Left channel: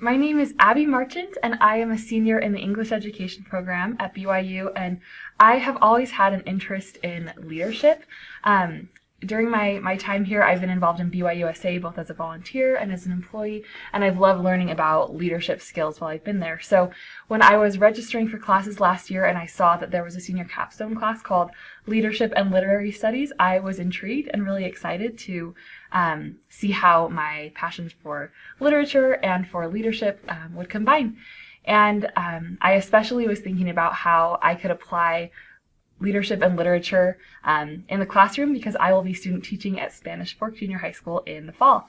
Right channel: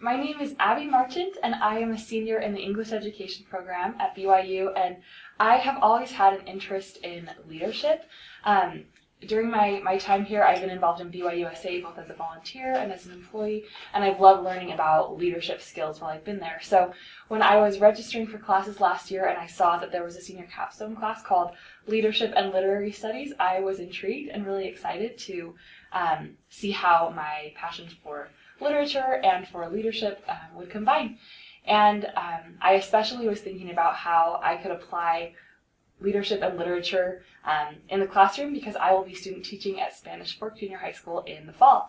My name is Abby Marchant, and I am a senior in the English education program at BYU, and I have always had an interest in leadership. During my time here, I've been involved in BYUSA both as a volunteer and as an employee, and I've loved learning about leadership skills while I've been there. So when I was registering for classes last year and I saw that there was a senior capstone class called Leadership and Literary Studies, I was intrigued and really excited to see how my passions for literature and for leadership would combine. And I especially was thinking about how I could apply leadership and literature in the classroom because I will be student teaching at Spanish Fork Junior High School in the fall.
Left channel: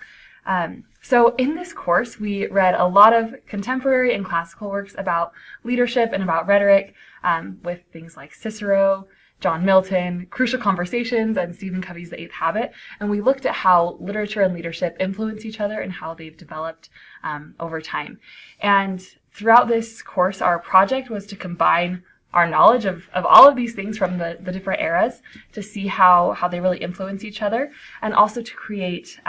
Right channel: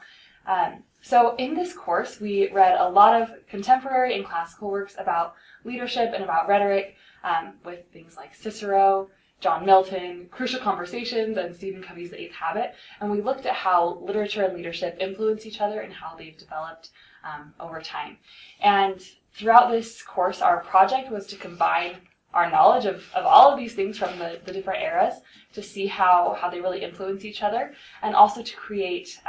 So in this course, we read a lot of contemporary and classical works about leadership and about rhetoric with things like Cicero, John Milton, Crucial Conversations, and Stephen Covey's The Eighth Habit. And we looked at how literature and leadership influence each other and how they've developed over time. And throughout this course, our project was to combine our knowledge of all of these things from the different eras to see how they really influence each other, and also to create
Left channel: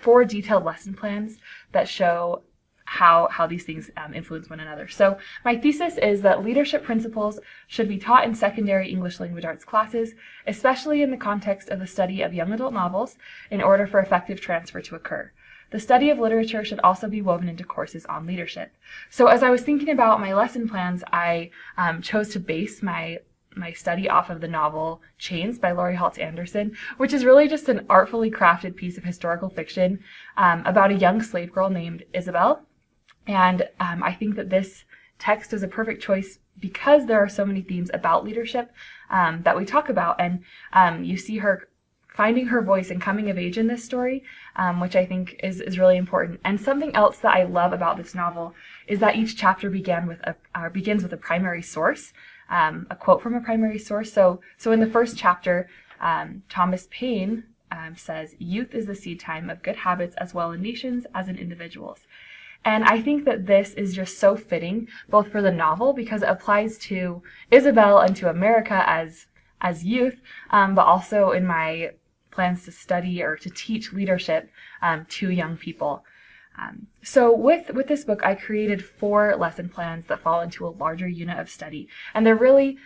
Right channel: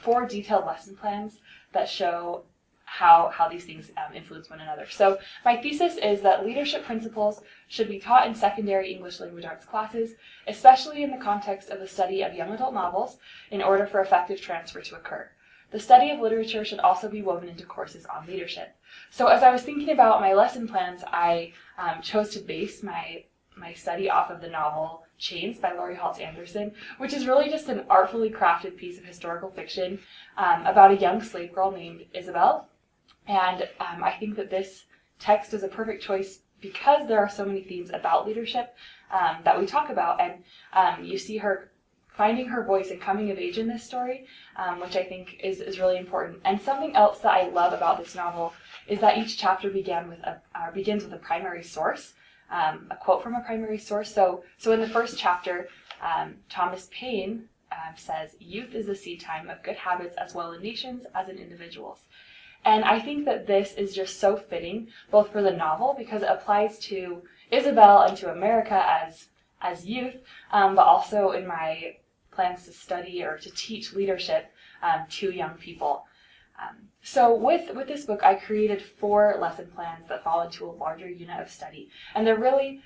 4 detailed lesson plans that show how these things influence one another. So my thesis is that leadership principles should be taught in secondary English language arts classes, especially in the context of the study of young adult novels, in order for effective transfer to occur. The study of literature should also be woven into courses on leadership. So as I was thinking about my lesson plans, I chose to base my study off of the novel Chains by Laurie Halse Anderson, which is really just an artfully crafted piece of historical fiction about a young slave girl named Isabel. And I think that this text is a perfect choice because there are so many themes about leadership that we talk about. And you see her finding her voice and coming of age in this story, which I think is really important. And something else that I love about this novel is that each chapter begins with a primary source, a quote from a primary source. So in the first chapter, Thomas Paine says, "Youth is the seed time of good habits as well in nations as in individuals." And I think that this is just so fitting, both for the novel, because it applies to Isabel and to America as youth, but also in my plans to study or to teach leadership to young people. So with this book, I created 4 lesson plans that fall into a larger unit of study. And they're really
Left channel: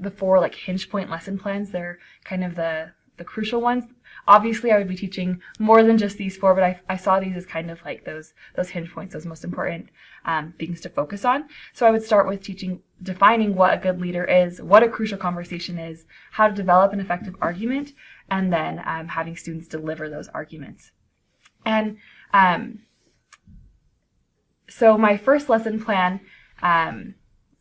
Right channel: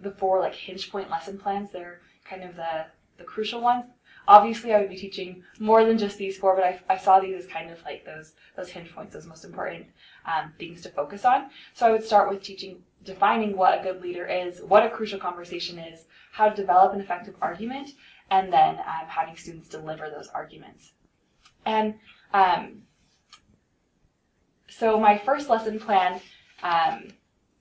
the 4 hinge point lesson plans. They're kind of the crucial ones. Obviously, I would be teaching more than just these 4, but I saw these as kind of like those hinge points, those most important things to focus on. So I would start with defining what a good leader is, what a crucial conversation is, how to develop an effective argument, and then having students deliver those arguments. And so my first lesson plan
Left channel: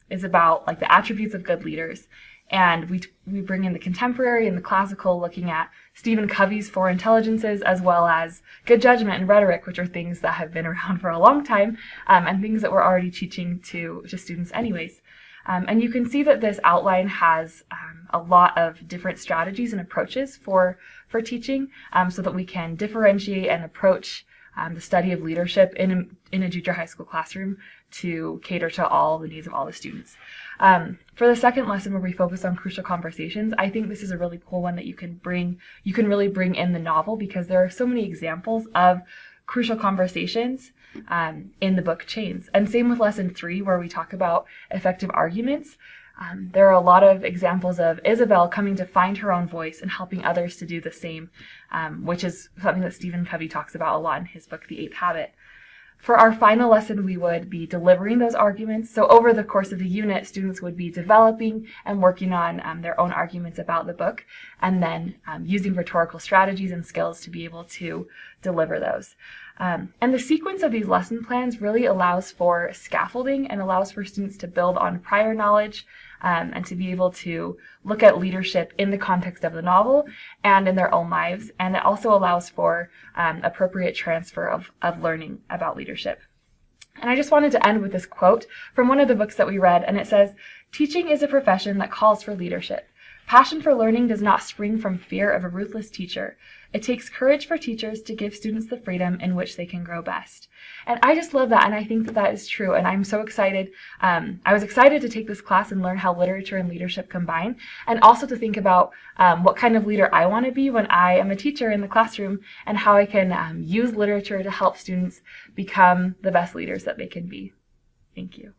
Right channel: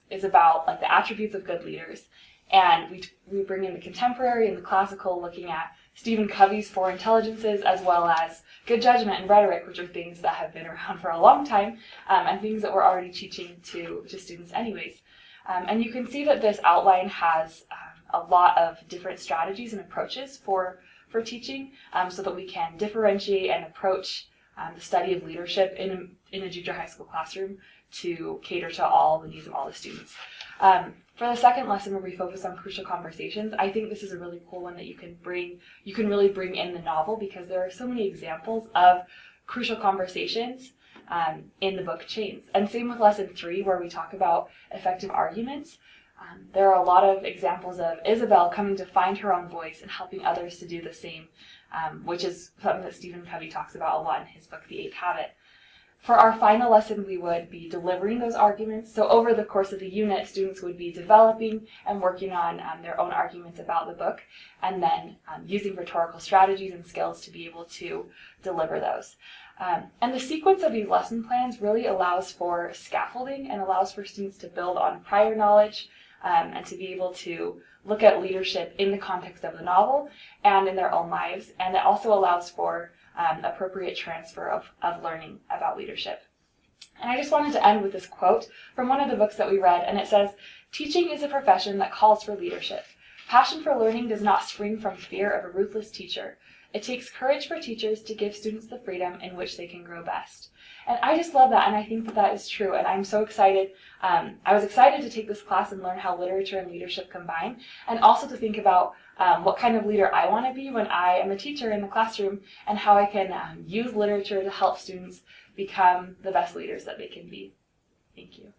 is about the attributes of good leaders. And we bring in the contemporary and the classical, looking at Stephen Covey's 4 intelligences, as well as good judgment and rhetoric, which are things that have been around for a long time, and things that we're already teaching to students anyways. And you can see that this outline has a lot of different strategies and approaches for teaching, so that we can differentiate and approach the study of leadership in a junior high school classroom to cater to all the needs of all the students. For the second lesson, where we focus on crucial conversations, I think this is a really cool one that you can really bring in the novel, because there are so many examples of crucial conversations in the book Chains. And same with lesson 3, where we talk about effective arguments. There are a lot of examples of Isabel coming to find her own voice and helping others to do the same, which is something that Stephen Covey talks about a lot in his book, The Eighth Habit. For our final lesson, we would be delivering those arguments. So over the course of the unit, students would be developing and working on their own arguments about the book, and then using rhetorical strategies and skills to be able to deliver those. And the sequence of these lesson plans really allows for scaffolding and allows for students to build on prior knowledge and to be able to look at leadership in the context of the novel and in their own lives. And it also allows for appropriate transfer of learning about leadership. And I just wanted to end with this quote from one of the books that we read, and it says, "Teaching is a profession that calls for leadership. Passion for learning does not spring from fear of a ruthless teacher. It takes courage for teachers to give students the freedom in which they can grow best. And I just love that, and I think that that is true, and I'm so excited. I was excited to take this class and learn how literature and leadership combine, and also to think about what kind of leader I want to be when I am a teacher in the classroom, and how I can use literature to help students become the best leaders that they can be. Thank you.